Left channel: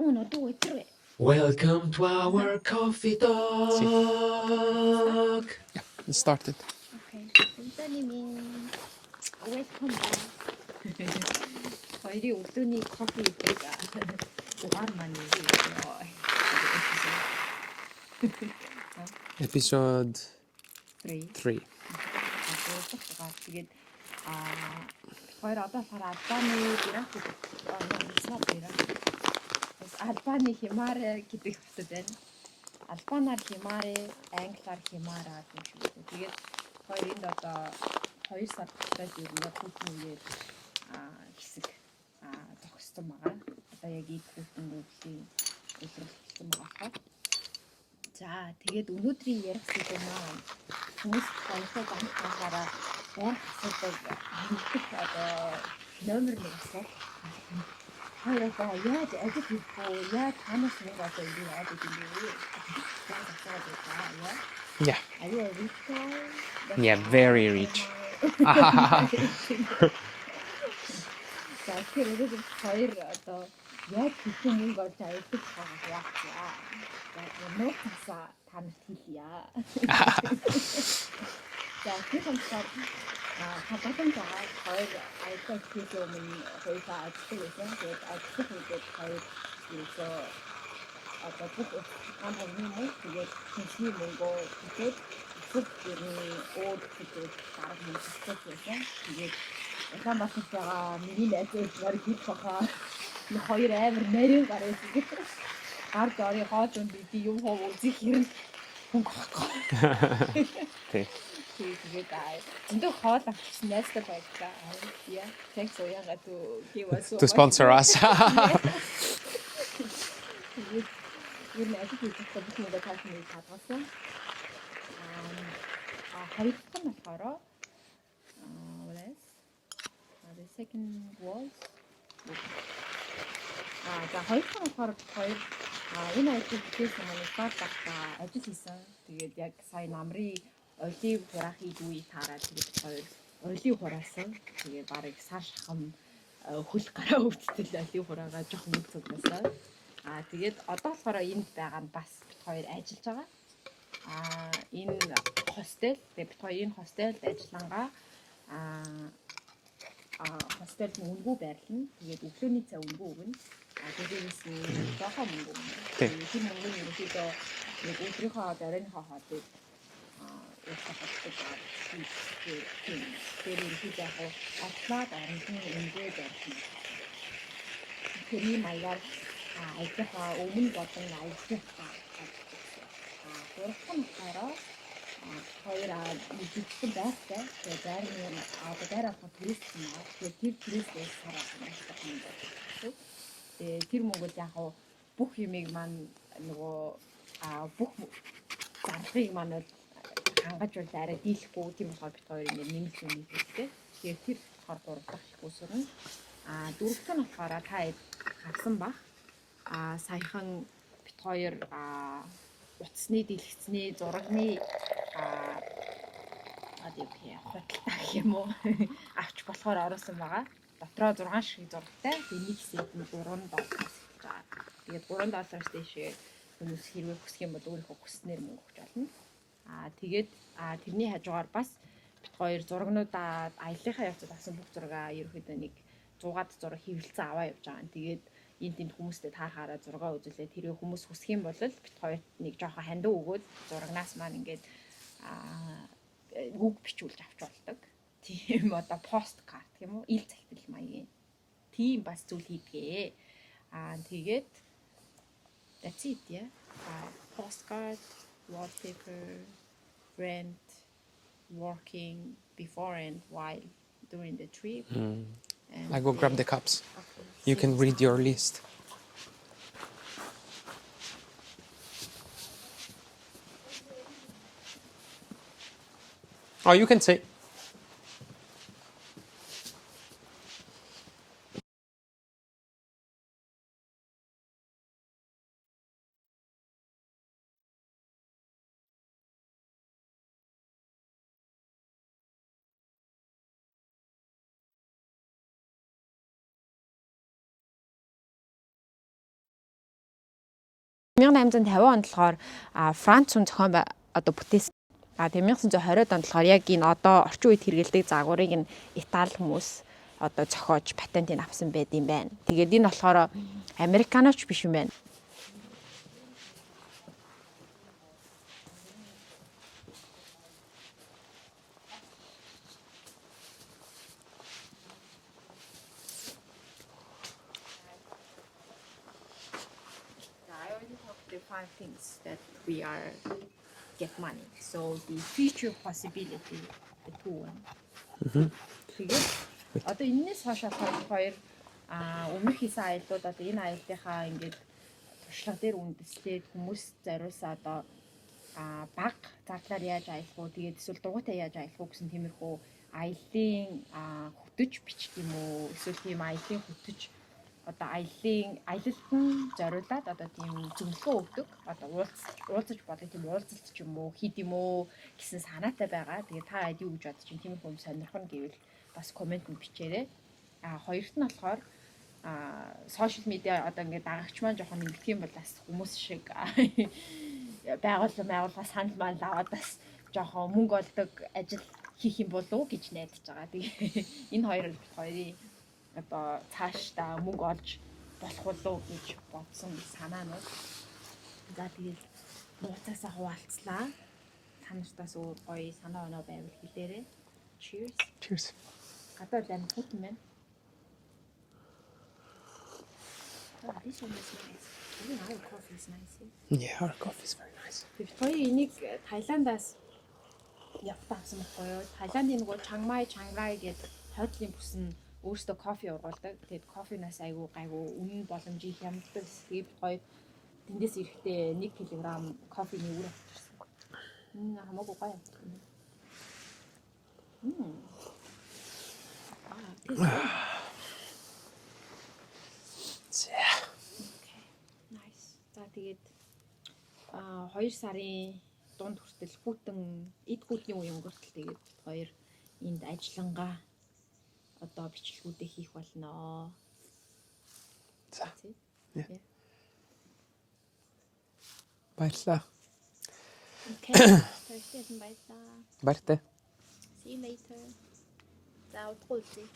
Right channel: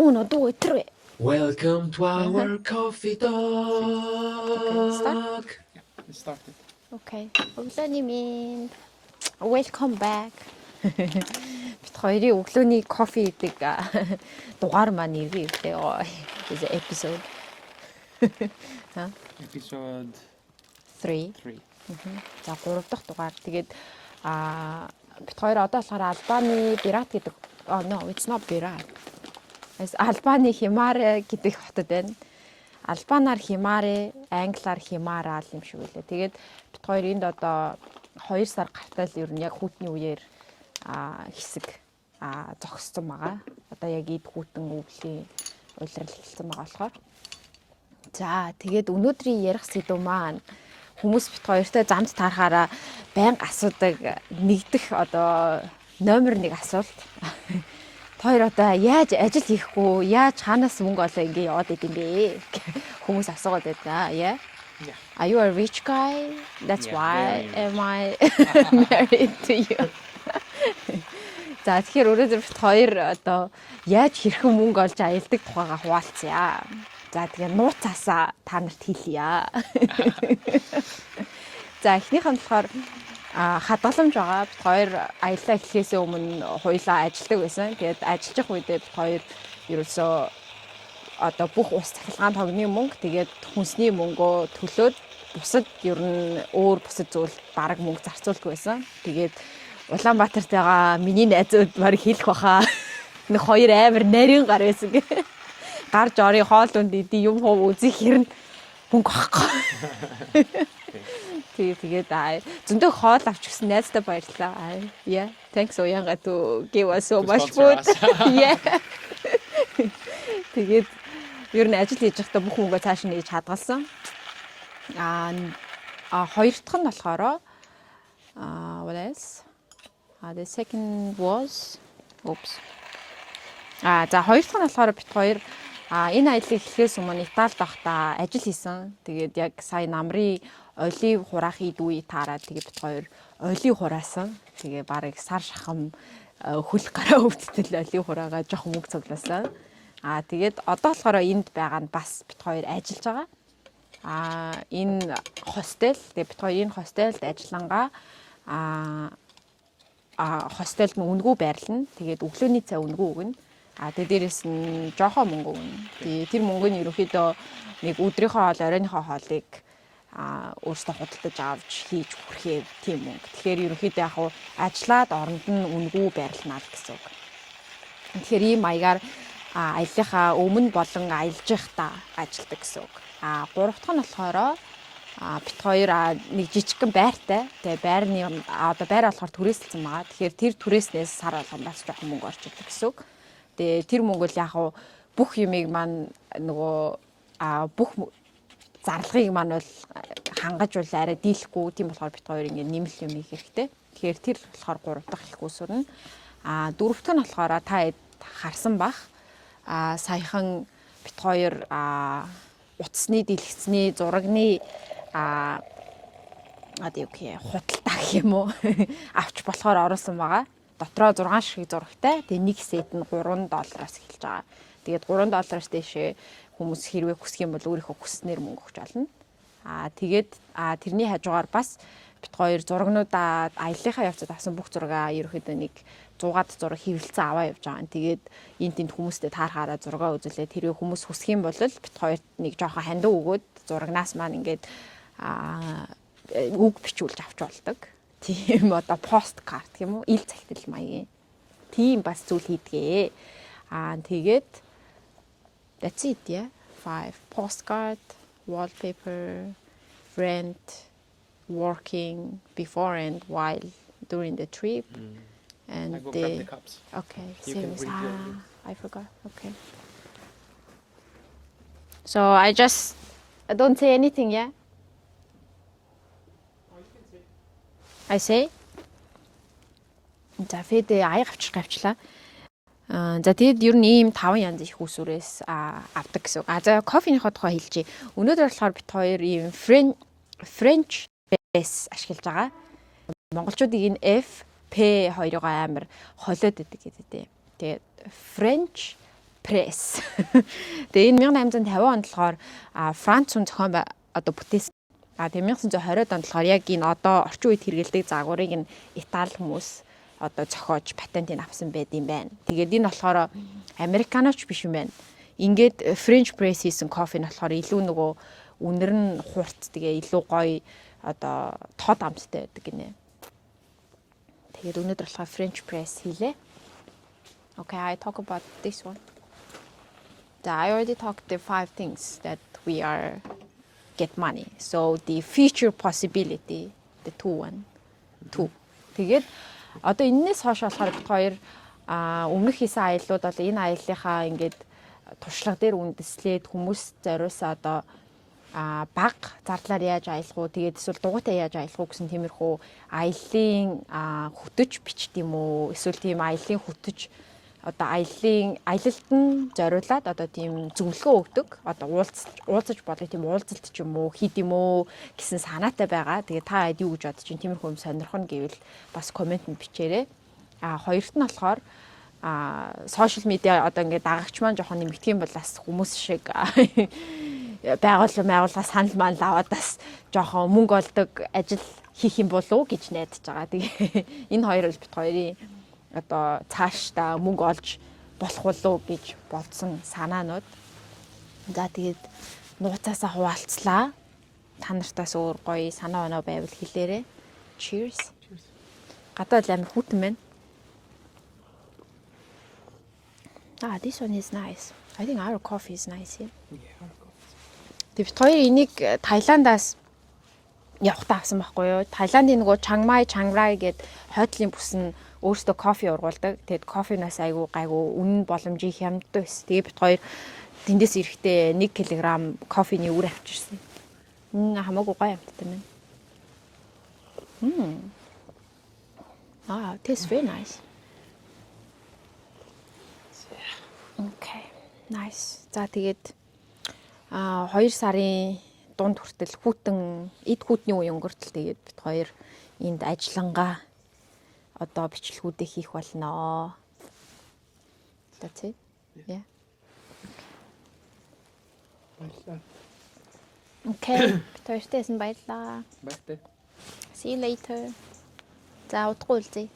Uno, due, tre. Welcome to our coffee talk. Yeah, it started. Okay. Өглөөний welcome back. Бид хоёрын өглөөний кофе гэдэг дугаар маань нэрээ өгөө. Episode. Episode 3. 3. За 3 дахь дугаар. Тэгээд бид хоёр одоо болохоор Албаны Пират гэдэг no, it's not Пират. Албаны Химаре гэдэг хотод байна. Албанаар Химаре, англиар Химара юм шиг үлээ. Тэгээд бид хоёр энд одоо 2 сар гартай л ер нь яг хүүтний үеэр хэсэг зогссон байгаа. Одоо яг эд хүүтэн өвлийн улирал хэлсэн байгаа болохоор. За тэгээд өнөөдрийн ярих сэдв маань хүмүүс бит хоёртой замд таарахаараа байнга асуудаг нэгдэх одоо номер 1 асуулт. Хоёр одоо яаж ажил хийхгүй, яаж хаанаас мөнгө олоо ингэ яваад идэв бэ? Хүмүүс асуугаад байна. Yeah. Yeah. Are you a rich guy? That's Yeah, why very rich. am I married to you? За тэгэхээр өнөөдөр бит хоёр одоо яаж хэрхэн мөнгө олж аялдаг тухайга хуваалцъя. За тэгээ нууцаасаа та нарт хэлье. За эхнийх нь болохоор хадгаламж байгаа. Бид хоёр аяллаа эхлэхээс өмнө хоёулаа ажилладаг байсан. Тэгээд ажиллаж байх үедээ бид хоёр ерөөсөө одоо бүх ус цахилгаан тогны мөнгө тэгээд хүнсний мөнгөө төлөөд бусад ер нь өөр бусад зүйл бараг мөнгө зарцуулдаг байсан. Тэгээд Улаанбаатартайгаа миний найзууд баг хэлэх баха. Нэг хоёр амар нарийн гар байсан гэ. Гарч орын хоолунд иди юм хов үзэх хэрнэ мөнгө авахгүй. Тэгээд зөндөө хоол авч гисэн найзтай баярлаа. Yeah, thanks Уянга to give us so much sponsor us. Yeah. Тэгээд ер нь ажил хийж байхдаа бүх мөнгөө цааш нь хийж хадгалсан. Хоёр дахь нь болохоор what else? The second was oops. За хоёр дахь нь болохоор бит хоёр энэ аяллыг эхлэхээс өмнө Италид байхдаа ажил хийсэн. Тэгээд яг сая намрын олив хураах ид үе таараад тэгээд бит хоёр олив хураасан. Тэгээ барыг сар шахам хөл гараа өвдөлтөл олив хураагаа жоох мөнгө цуглаасан. Тэгээд одоо болохоор энд байгаа нь бас бит хоёр ажиллаж байгаа. Энэ хостел тэгээд бит хоёр энэ хостелд ажиллангаа хостелд үнгүү байрлана. Тэгээд өглөөний цай үнгүү өгнө. Тэгээд дээрэс нь жоохоо мөнгө өгнө. Тэр мөнгө нь ерөөхдөө нэг өдрийнхөө хоол, оройныхоо хоолыг өөртөө худалдаж авч хийж өгөх тийм мөнгө. Тэгэхээр ерөөхдөө яг ажиллаад оронд нь үнгүү байрлана гэсэн үг. Тэгэхээр ийм маягаар аяллахаа өмнө болон аялж байхдаа ажилдаг гэсэн үг. Гурав дахь нь болохоор бит хоёр нэг жижигхэн байртай. Тэгээ байрны одоо байр болохоор түрээсэлсэн байгаа. Тэгэхээр тэр түрээснээс сар болгоно бас жоохон мөнгө орж идэг гэсэн үг. Тэгээ тэр мөнгө л яг бүх юмыг маань нөгөө бүх зарлагыг маань бол хангаж бол арай дийлэхгүй. Тийм болохоор бит хоёр ингэ нэмэлт юм хийх хэрэгтэй. Тэгэхээр тэр болохоор гурав дахь их үүсвэр нь. Дөрөвт нь болохоор та харсан бах. Саяхан бит хоёр утасны дэлгэцний зурагны худалдаа гэх юм уу авч болохоор оруулсан байгаа. Дотроо 6 шиг зурагтай. Тэгээ нэг сет нь $3 эхэлж байгаа. Тэгээд $3 дэшээ хүмүүс хэрвээ хүсэх юм бол өөрийнхөө хүснээр мөнгө өгч олно. Тэгээд тэрний хажуугаар бас бит хоёр зурагнуудаа аяллахаа явцад авсан бүх зургаа ерөөхдөө нэг 100-аад зураг хэвлэлцэн аваа явж байгаа. Тэгээд энд тэнд хүмүүстэй таарахаараа зургаа үзүүлээ. Тэрвээ хүмүүс хүсэх юм бол бит хоёрт нэг жоохон хандив өгөөд зурагнаас маань ингээд үг бичүүлж авч болдог. Тийм одоо посткарт гэх юм уу? Ил цагтл маягийн. Тийм бас зүйл хийдгээ. Тэгээд that's it, yeah. 5 postcard, wallpaper, rent, working before and while during the trip. And I go grab the cups. Okay. You can read your list. I forgot. Okay. So I don't say anything, yeah? Oh, you can say. I say. За фэдэ аяг авчлаа. За тэгээд ер нь ийм 5 янз их усүрээс авдаг гэсэн. За кофеныхоо тухай хэлчихье. Өнөөдөр болохоор бит хоёр ийм French press ашиглаж байгаа. Монголчуудыг энэ F P2-ыг амар холиод идэг гэдэг. Тэгээд French Press. Тэгээ энэ 1850 онд болохоор Франц хүн зохион одоо бүтээсэн. Тэгээ 1920-ад онд болохоор яг энэ одоо орчин үед хэрэгэлдэг загварыг нь Итали хүмүүс одоо зохиож патентыг авсан байд юм байна. Тэгээд энэ болохоор американоч биш юм байна. Ингээд French press хийсэн кофе нь болохоор илүү нөгөө үнэр нь хурц тэгээ илүү гоё одоо тод амттай байдаг гинэ. Тэгээд өнөөдөр болохоор French press хийлээ. Okay, I talk about this one. I already talked the 5 things that we are get money. So the future possibility, the 2. Тэгээд одоо энэс хойш болохоор бид хоёр өмнөх хийсэн аяллууд бол энэ аяллахаа ингээд туршлага дээр үндэслээд хүмүүс зориулсан одоо баг зардлаар яаж аялах уу, тэгээд эсвэл дугуйтай яаж аялах уу гэсэн тиймэрхүү аяллаа хөтөж бичт юм уу, эсвэл тийм аяллаа хөтөж одоо аялалд нь зориулаад одоо тийм зөвлөгөө өгдөг. Одоо уулзаж болоо тийм уулзалт ч юм уу хийд юм уу гэсэн санаатай байгаа. Тэгээ та хэд юу гэж бодож чинь тиймэрхүү юм сонирхно гэвэл бас комент нь бичээрэй. Хоёрт нь болохоор сошиал медиа одоо ингээд дагагч маань жоохон нэмэгдэх юм бол бас хүмүүс шиг байгууллага санал маань аваад бас жоохон мөнгө олдог ажил хийх юм болов уу гэж найдаж байгаа. Тэгээ энэ хоёр бол бит хоёрын одоо цаашдаа мөнгө олж болох болов гэж бодсон санаанууд. За тэгээд нууцаасаа хуваалцлаа. Та нартаас өөр гоё санаа оноо байвал хэлээрэй. Cheers. Cheers. Гадаа л амар хүйтэн байна. This one is nice. I think our coffee is nice here. Yeah, our coffee is very nice. Бид хоёр энийг Таиландаас явахтаа авсан байхгүй юу? Таиландын нөгөө Чангмай, Чанграй гэдэг хойдлын бүс нь өөрөөсөө кофе ургуулдаг. Тэгэд кофенаас айгу гайгу үнэн боломжийн хямддаг ус. Тэгээ бид хоёр тэндээс ирэхдээ 1 кг кофений үр авчирсан. Хамаагүй гоё амттай байна. Tastes very nice. Yeah. Okay. Nice. За тэгээд 2 сарын дунд хүртэл эд хүүтний үе өнгөртөл тэгээд бид хоёр энд ажиллангаа одоо бичлэгүүдээ хийх болно. That's it. Yeah. Баярлалаа. Okay. Төртэйсэн баярлалаа. Баяртай. See you later. За удахгүй уулзъя.